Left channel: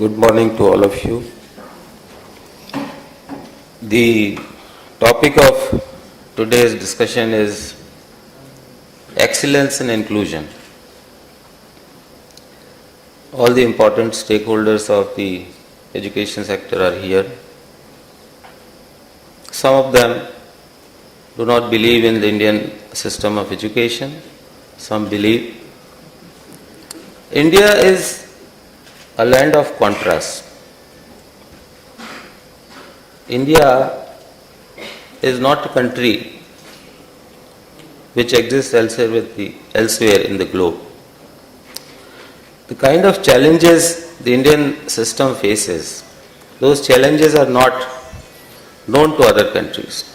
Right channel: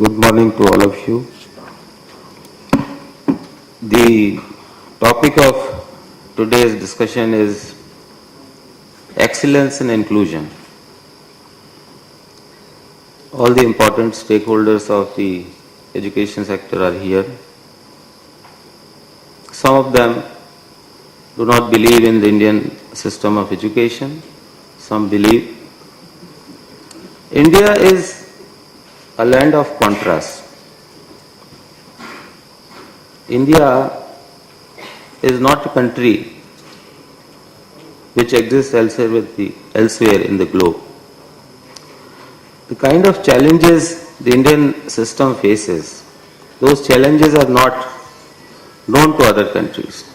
Good morning to all of you. The topic of today's discussion is excellence and inclusion. All the important stakeholders of the education sector are here. Some of them do not believe in the Indian system of education. Some believe. India is a land of contrast. India is not a country which exists elsewhere in the globe. The kind of challenges the Indian system faces, those challenges are not known to other countries.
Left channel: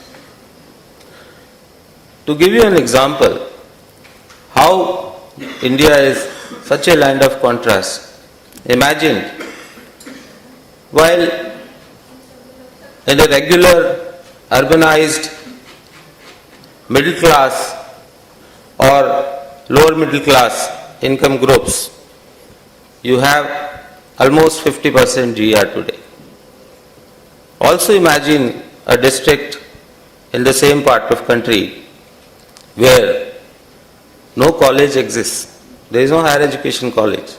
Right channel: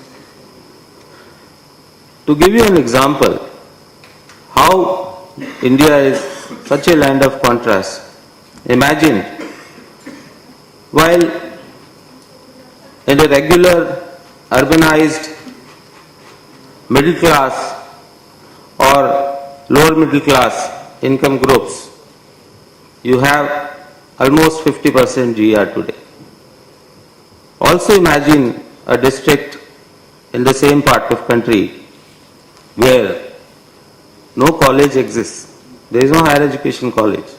To give you an example, how India is such a land of contrast, imagine while in a regular urbanized middle class or lower middle class income groups, you have almost 50% GR today. Also imagine a district in the same part of country where no college exists. There is no higher education college.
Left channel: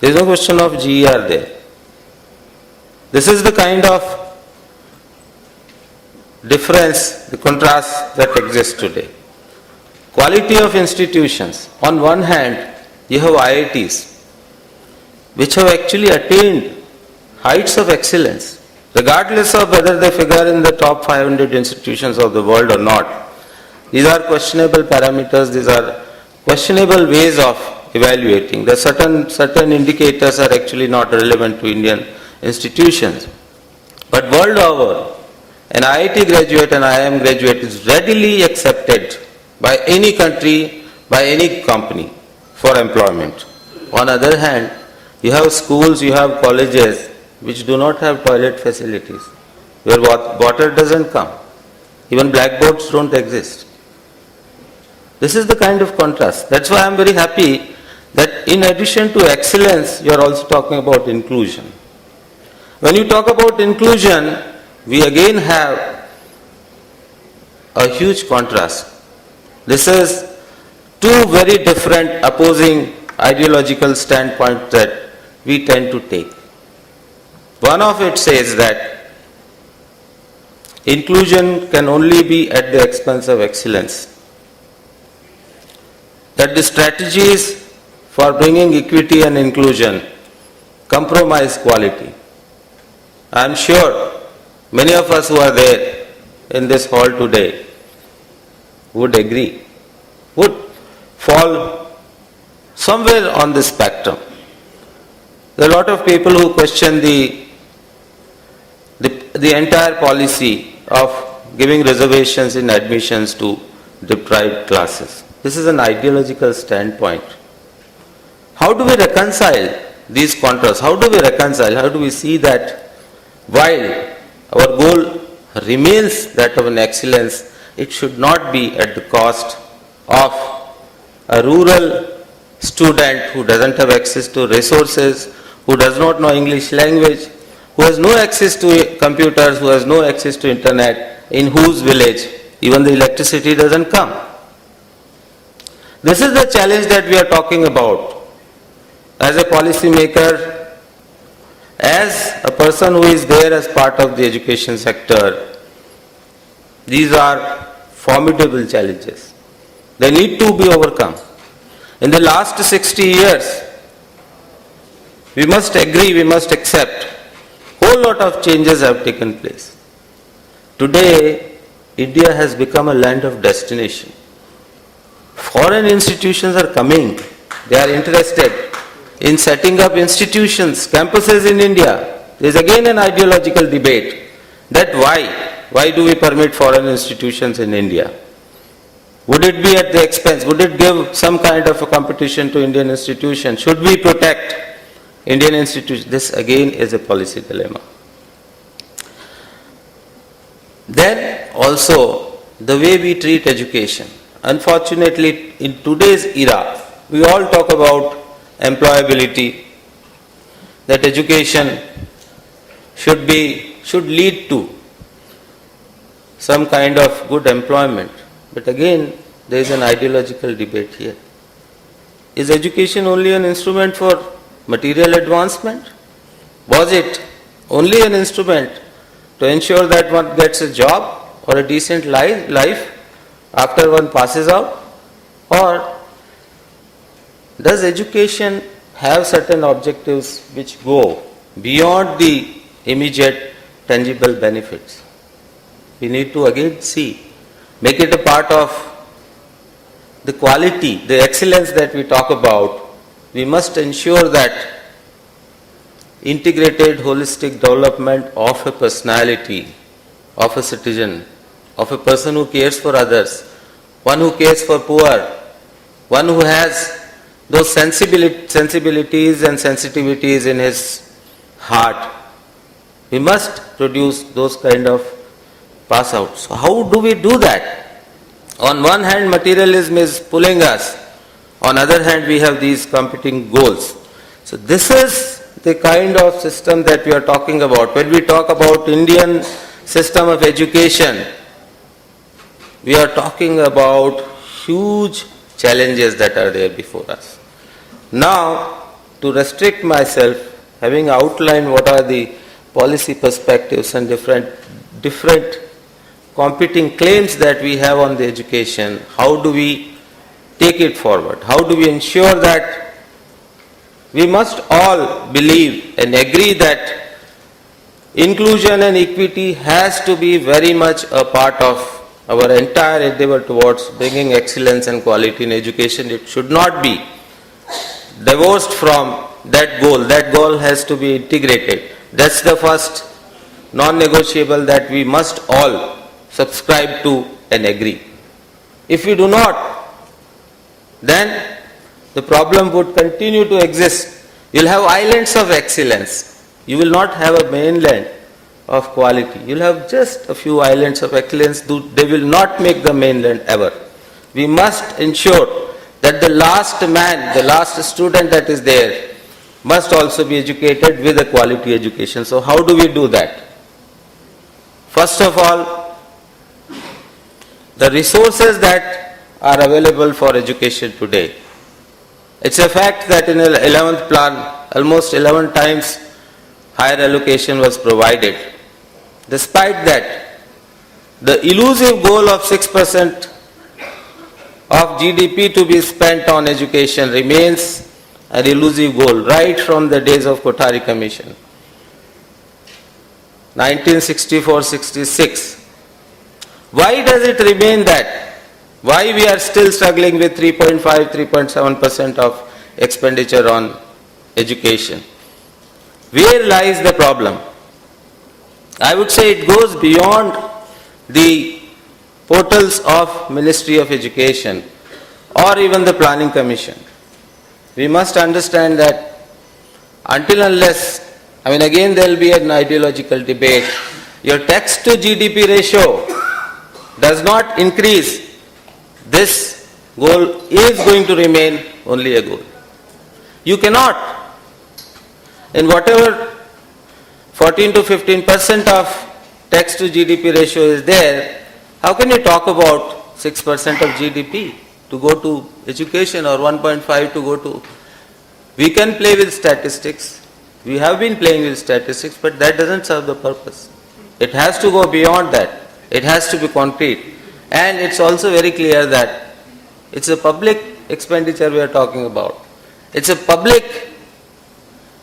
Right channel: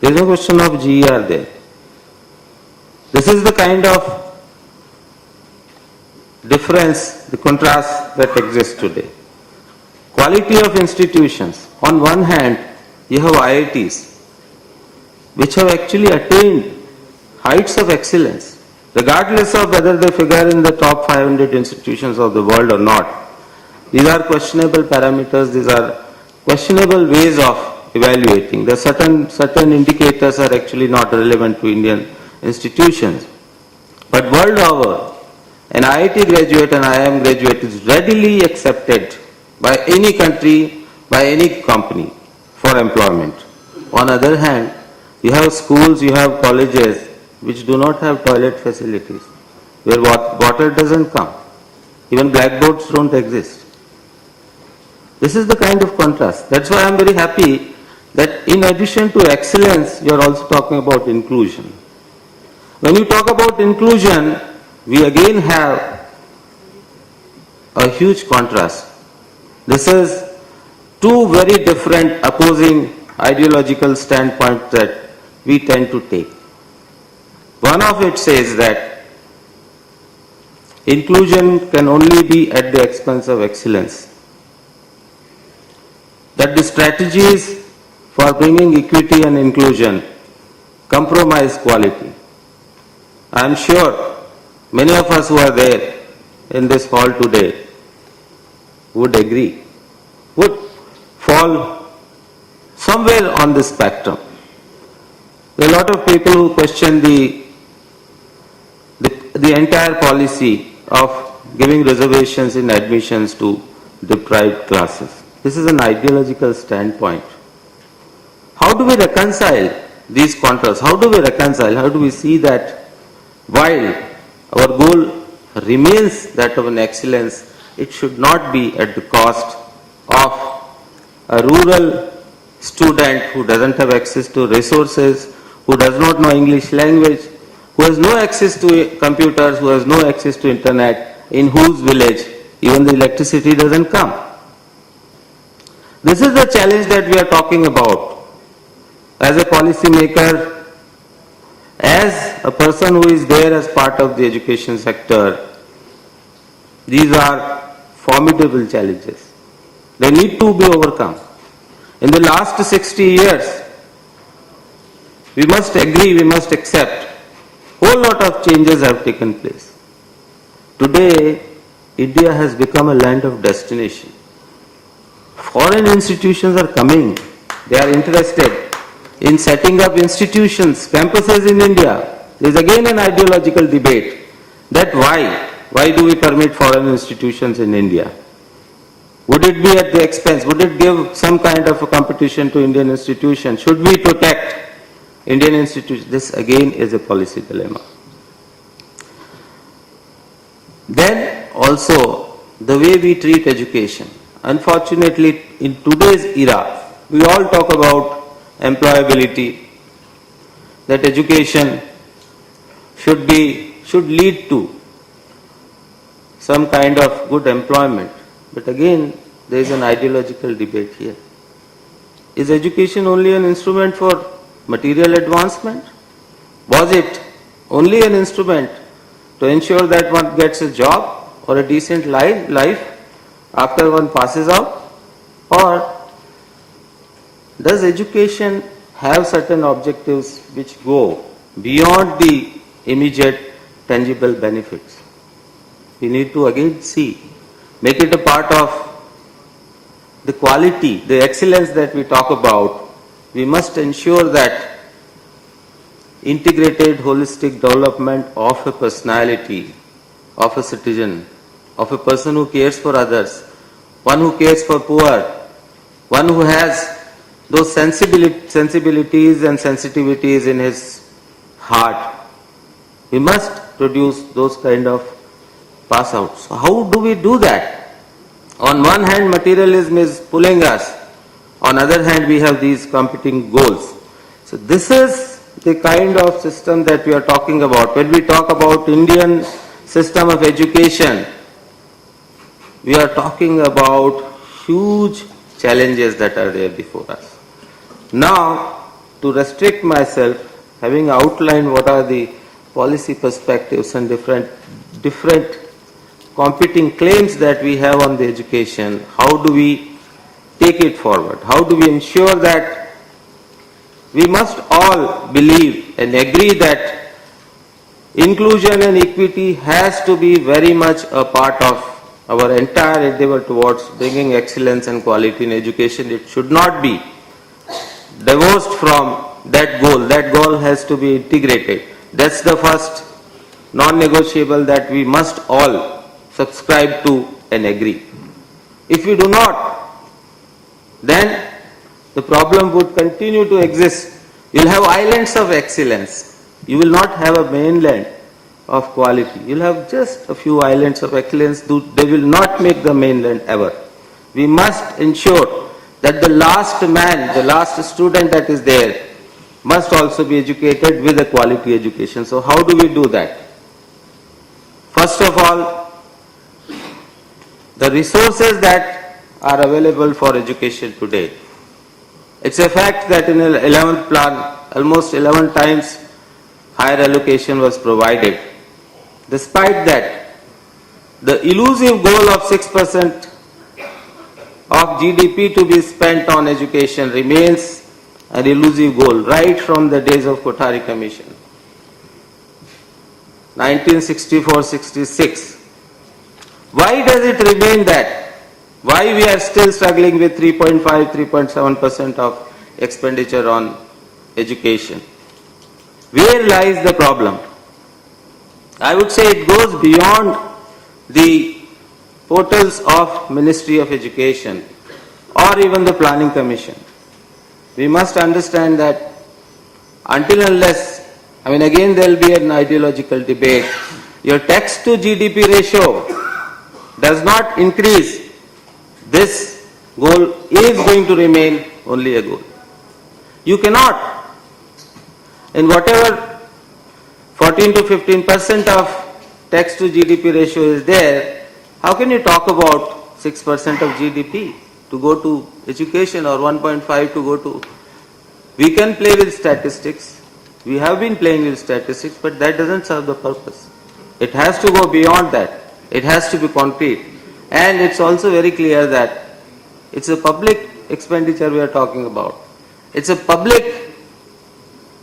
There is no question of GR there. This is the kind of difference, the contrast that exists today. Quality of institutions. On one hand, you have IITs, which have actually attained heights of excellence, regardless of whether they figure in the top 500 institutions of the world or not. These are questionable parameters, these are questionable ways of evaluating. The certain indicators are actually not relevant to Indian institutions. But world over, an IIT graduate and IIM graduate is readily accepted by any country, by any company for employment. On the other hand, you have schools, you have colleges which do not have toilet facilities, where water doesn't come. Even blackboards don't exist. This is the kind of contrast. That's why I'm very happy that in addition to excellence, you are also talking about inclusion. When you talk about inclusion, we again have a huge contrast. This is two very different opposing ideological standpoints that we tend to take. One of it says that inclusion can only be at the expense of excellence. That the strategies for bringing equity and inclusion compromise quality. I am sure many of us who are there in this hall today would agree, would fall somewhere on the spectrum. There are a lot of people who question the entire policy of giving reservations in admissions to deprived classes. This is an ideological standpoint. How do we reconcile these contrasts? How do we reconcile? How do we see that while our goal remains that of an excellence, it should not be at the cost of a rural student who doesn't have access to resources, who does not know English language, who has no access to computers, who has no access to internet, in whose village even the electricity doesn't come. This is the challenge that we are talking about. As a policy maker, as a person who is there as part of the education sector, these are formidable challenges. They need to be overcome. In the last 60 years, we must agree, we must accept, whole lot of changes have taken place. Today, India has become a land of destination. Foreign institutions are coming. They are interested in setting up institutions, campuses in India. There is again an ideological debate that why do we permit foreign institutions in India? Would it be at the expense? Would it give some kind of a competition to Indian institutions? Should we protect Indian institutions? This again is a policy dilemma. Then also the way we treat education. Unfortunately, in today's era, we all talk about employability. that education should lead to some kind of good employment. But again, there is an ideological debate here. Is education only an instrument for material advancement? Was it only an instrument to ensure that one gets a job or a decent life after one passes out? Or does education have certain objectives which go beyond the immediate tangible benefits? We need to again see, make it a part of the quality, the excellence that we talk about. We must ensure that integrated holistic development of a personality, of a citizen, of a person who cares for others, one who cares for poor, one who has those sensibilities and sensitivities in his heart. We must produce those kind of pass outs. So how do we do that? On one hand, materialism is pulling us. On the other hand, we have these competing goals. So this is the kind of system that we are talking about. When we talk about Indian system of education, we are talking about huge challenges that are there before us. Now, to restrict myself, having outlined what are the policy perspectives and different competing claims that we have on the education, how do we take it forward? How do we ensure that we must all believe and agree that inclusion and equity has to be very much a part of our entire endeavor towards bringing excellence and quality in education. It should not be divorced from that goal. That goal has to be integrated. That's the first non-negotiable that we must all subscribe to and agree. If we do not, then the problem would continue to exist. You will have islands of excellence. You will not have a mainland of quality. You will have just a few islands of excellence. They will not make the mainland ever. We must ensure that the last man, the last student that is there must also be educated with a quality education. So how do we do that? First of all, the resources that are available for education today. It's a fact that in the 11th plan, almost 11 times higher allocation was provided. Despite that, the elusive goal of 6% of GDP to be spent on education remains an elusive goal right from the days of Kothari Commission. 1964-66. Why does it remain that? Why we are still struggling with 3.5-3.7% of expenditure on education? Where lies the problem? I would say it goes beyond the portals of Ministry of Education or even the Planning Commission. We must understand that until unless, again there will be an ideological debate, your tax to GDP ratio does not increase, this goal is going to remain only a goal. You cannot, in whatever 14 to 15% of tax to GDP ratio is there, how can you talk about 6% of GDP to go to education or 1.5 to go to? We can play with statistics. We have been playing with statistics, but that doesn't serve the purpose. It has to go beyond that. It has to be concrete. And it's also very clear that it's a public expenditure we are talking about. It's a public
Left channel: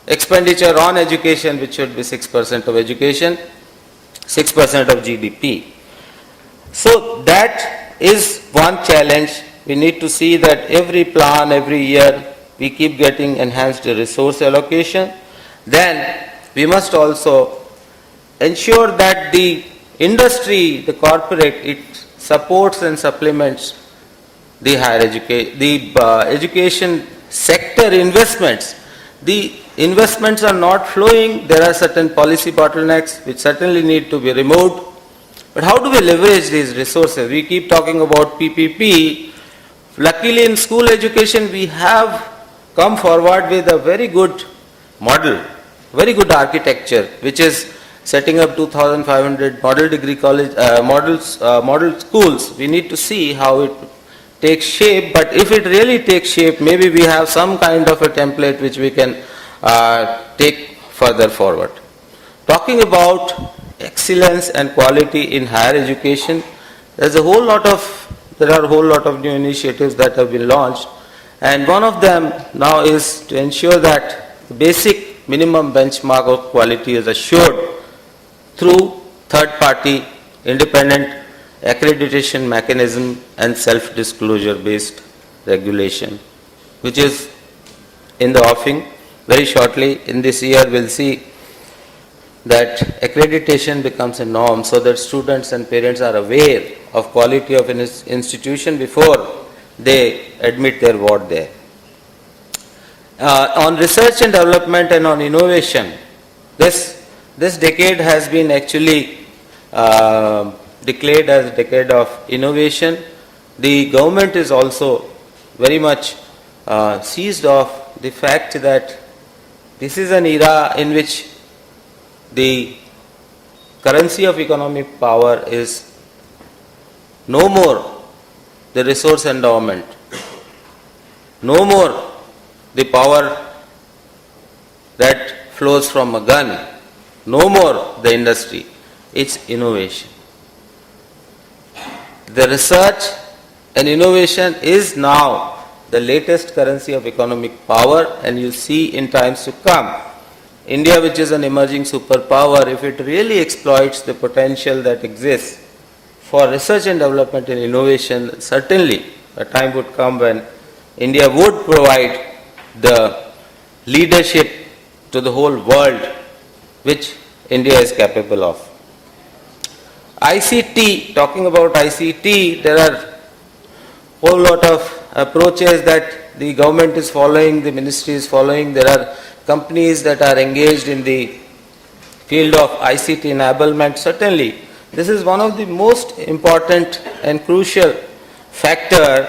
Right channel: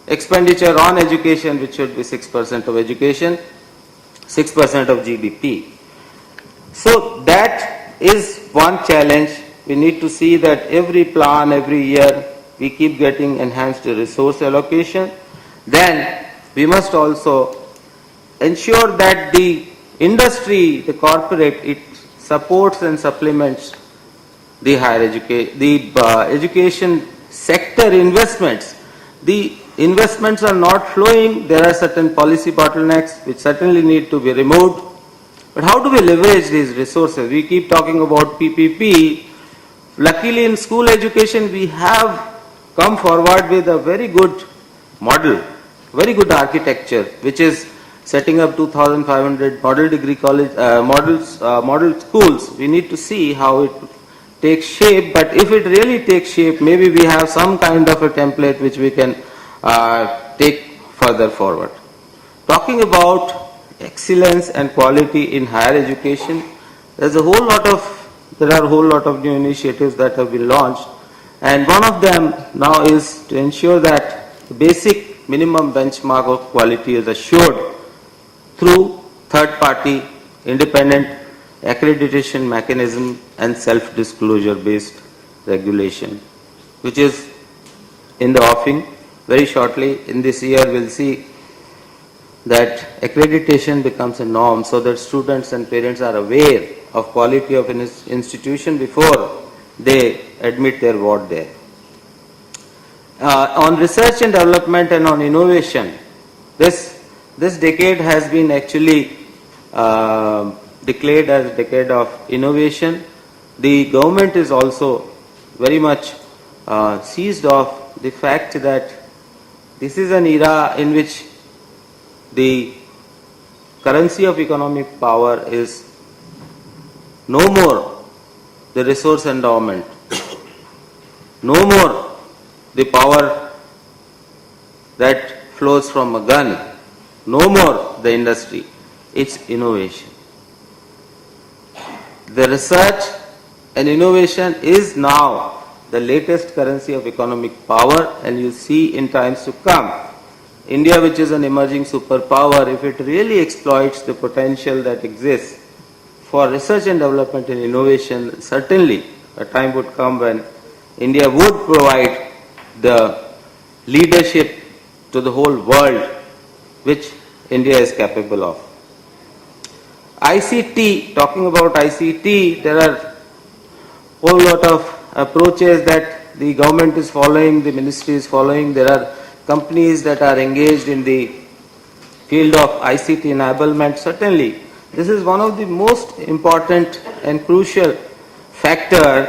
expenditure on education which should be 6% of education, 6% of GDP. So that is one challenge. We need to see that every plan, every year, we keep getting enhanced resource allocation. Then we must also ensure that the industry, the corporate, it supports and supplements the higher education sector investments. The investments are not flowing. There are certain policy bottlenecks which certainly need to be removed. But how do we leverage these resources? We keep talking about PPP. Luckily in school education we have come forward with a very good model very good architecture, which is setting up 2,500 model degree college, model schools. We need to see how it takes shape, but if it really takes shape, maybe we have some kind of a template which we can take further forward. Talking about excellence and quality in higher education, there are a whole lot of new initiatives that have been launched, and one of them now is to ensure that the basic minimum benchmark of quality is assured through third-party independent accreditation mechanism and self-disclosure based regulation, which is in the offing. Very shortly in this year we'll see that accreditation becomes a norm, so that students and parents are aware of quality of an institution before they admit their ward there. On research and development and on innovation, this decade has been actually declared as a decade of innovation. The government is also very much seized of the fact that this is an era in which the currency of economic power is no more the resource endowment, no more the power that flows from a gun, no more the industry, it's innovation. The research and innovation is now the latest currency of economic power, and you see in times to come, India, which is an emerging superpower, if it really exploits the potential that exists for research and development and innovation, certainly a time would come when India would provide the leadership to the whole world which India is capable of. ICT, talking about ICT, there are a whole lot of approaches that the government is following, the ministry is following. There are companies that are engaged in the field of ICT enablement. Certainly, this is one of the most important and crucial factor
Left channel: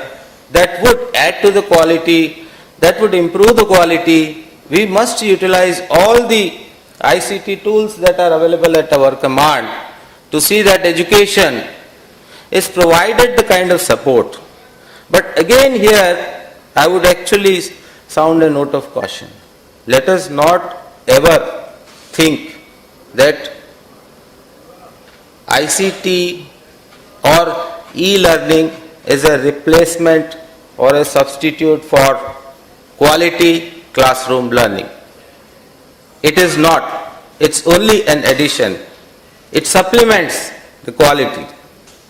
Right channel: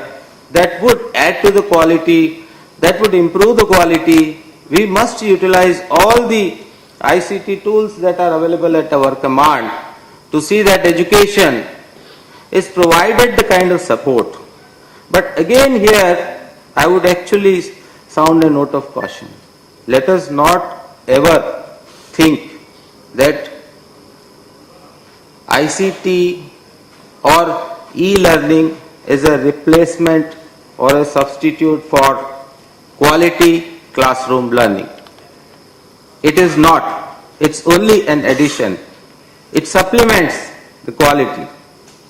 that would add to the quality, that would improve the quality. We must utilize all the ICT tools that are available at our command to see that education is provided the kind of support. But again here, I would actually sound a note of caution. Let us not ever think that ICT or e-learning is a replacement or a substitute for quality classroom learning. It is not. It's only an addition. It supplements the quality.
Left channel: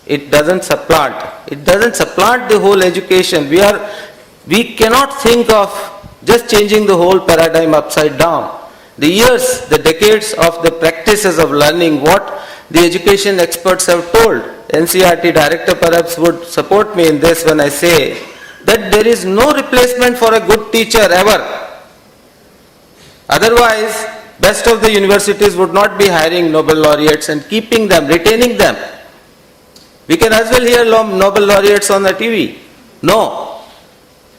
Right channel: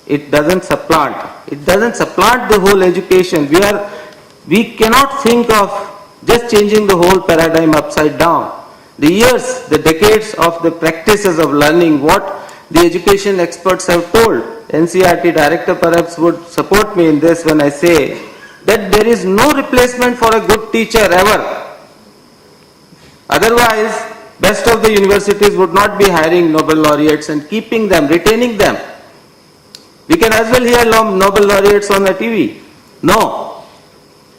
It doesn't supplant. It doesn't supplant the whole education. We cannot think of just changing the whole paradigm upside down. The years, the decades of the practices of learning, what the education experts have told, NCERT director perhaps would support me in this when I say that there is no replacement for a good teacher ever. Otherwise, best of the universities would not be hiring Nobel laureates and keeping them, retaining them. We can as well hear Nobel laureates on the TV. No,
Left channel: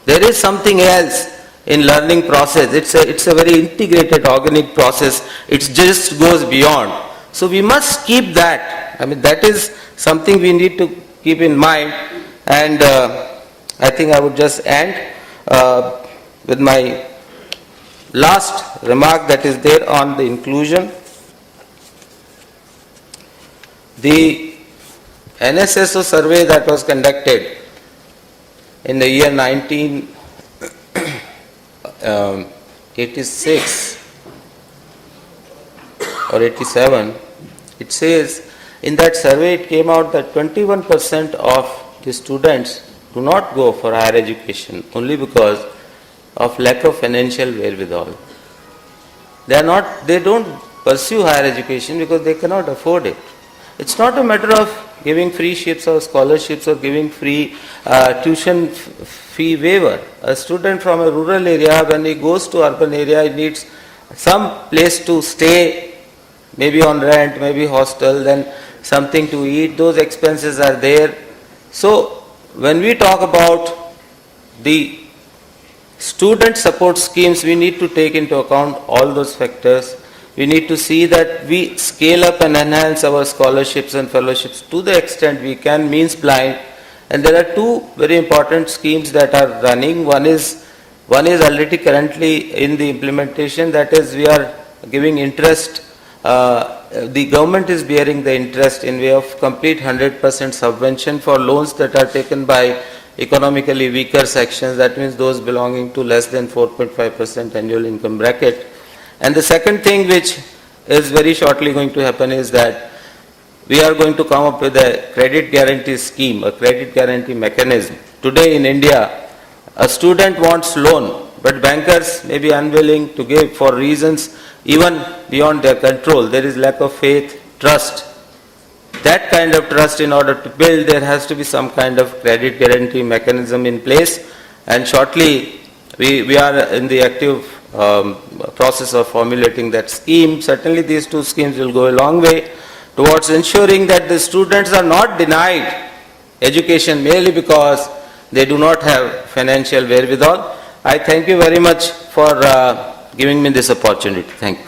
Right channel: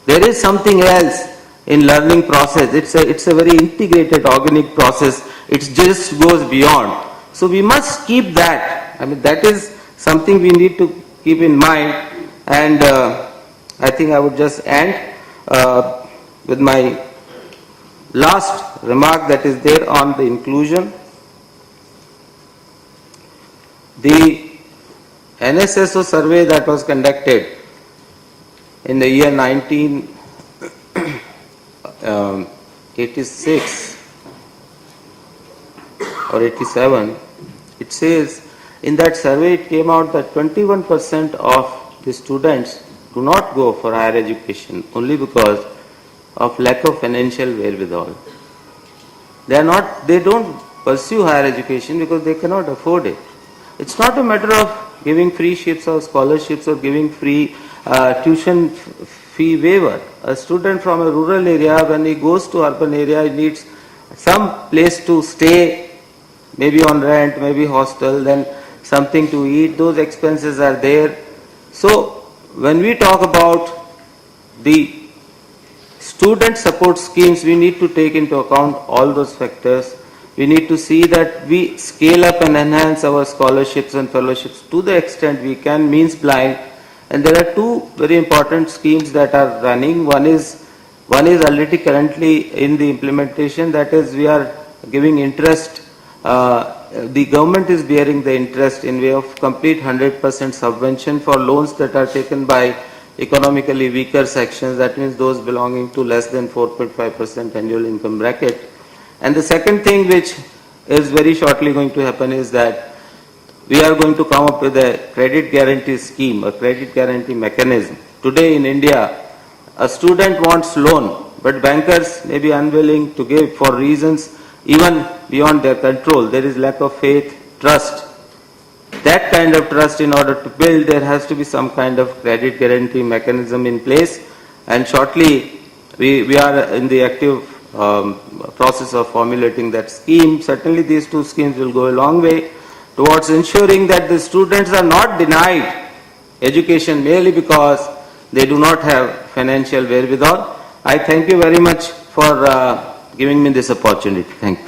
there is something else in learning process. It's a very integrated organic process. It just goes beyond. So we must keep that. I mean, that is something we need to keep in mind. And I think I would just end with my last remark that is there on the inclusion. The NSSO survey that was conducted in the year 1986 or 87, it says in that survey it came out that 21% of the students do not go for higher education only because of lack of financial wherewithal. They don't pursue higher education because they cannot afford it. It's not a matter of giving free ships or scholarships or giving free tuition fee waiver. A student from a rural area, when he goes to urban area, he needs some place to stay, maybe on rent, maybe hostel, then something to eat. Those expenses are there. So when we talk about the student support schemes, we need to take into account all those factors. We need to see that we scale up and enhance our scholarships and fellowships to the extent we can, means blind. And there are two very important schemes that are running. One is already currently in the implementation, that is we are giving interest, the government is bearing the interest in way of complete 100% subvention for loans that are taken by economically weaker sections, that means those belonging to less than 4.5% annual income bracket. And the second thing which is very shortly going to happen is that we are going to come up with a credit guarantee scheme, a credit guarantee mechanism. Today in India, a student wants loan, but bankers may be unwilling to give for reasons even beyond their control. There is lack of faith, trust. That kind of trust, in order to build, there has to be some kind of credit guarantee mechanism in place. And shortly, we are in the active process of formulating that scheme. Certainly these two schemes will go a long way towards ensuring that the students are not denied education merely because they do not have financial wherewithal. I thank you very much for giving me this opportunity. Thank you.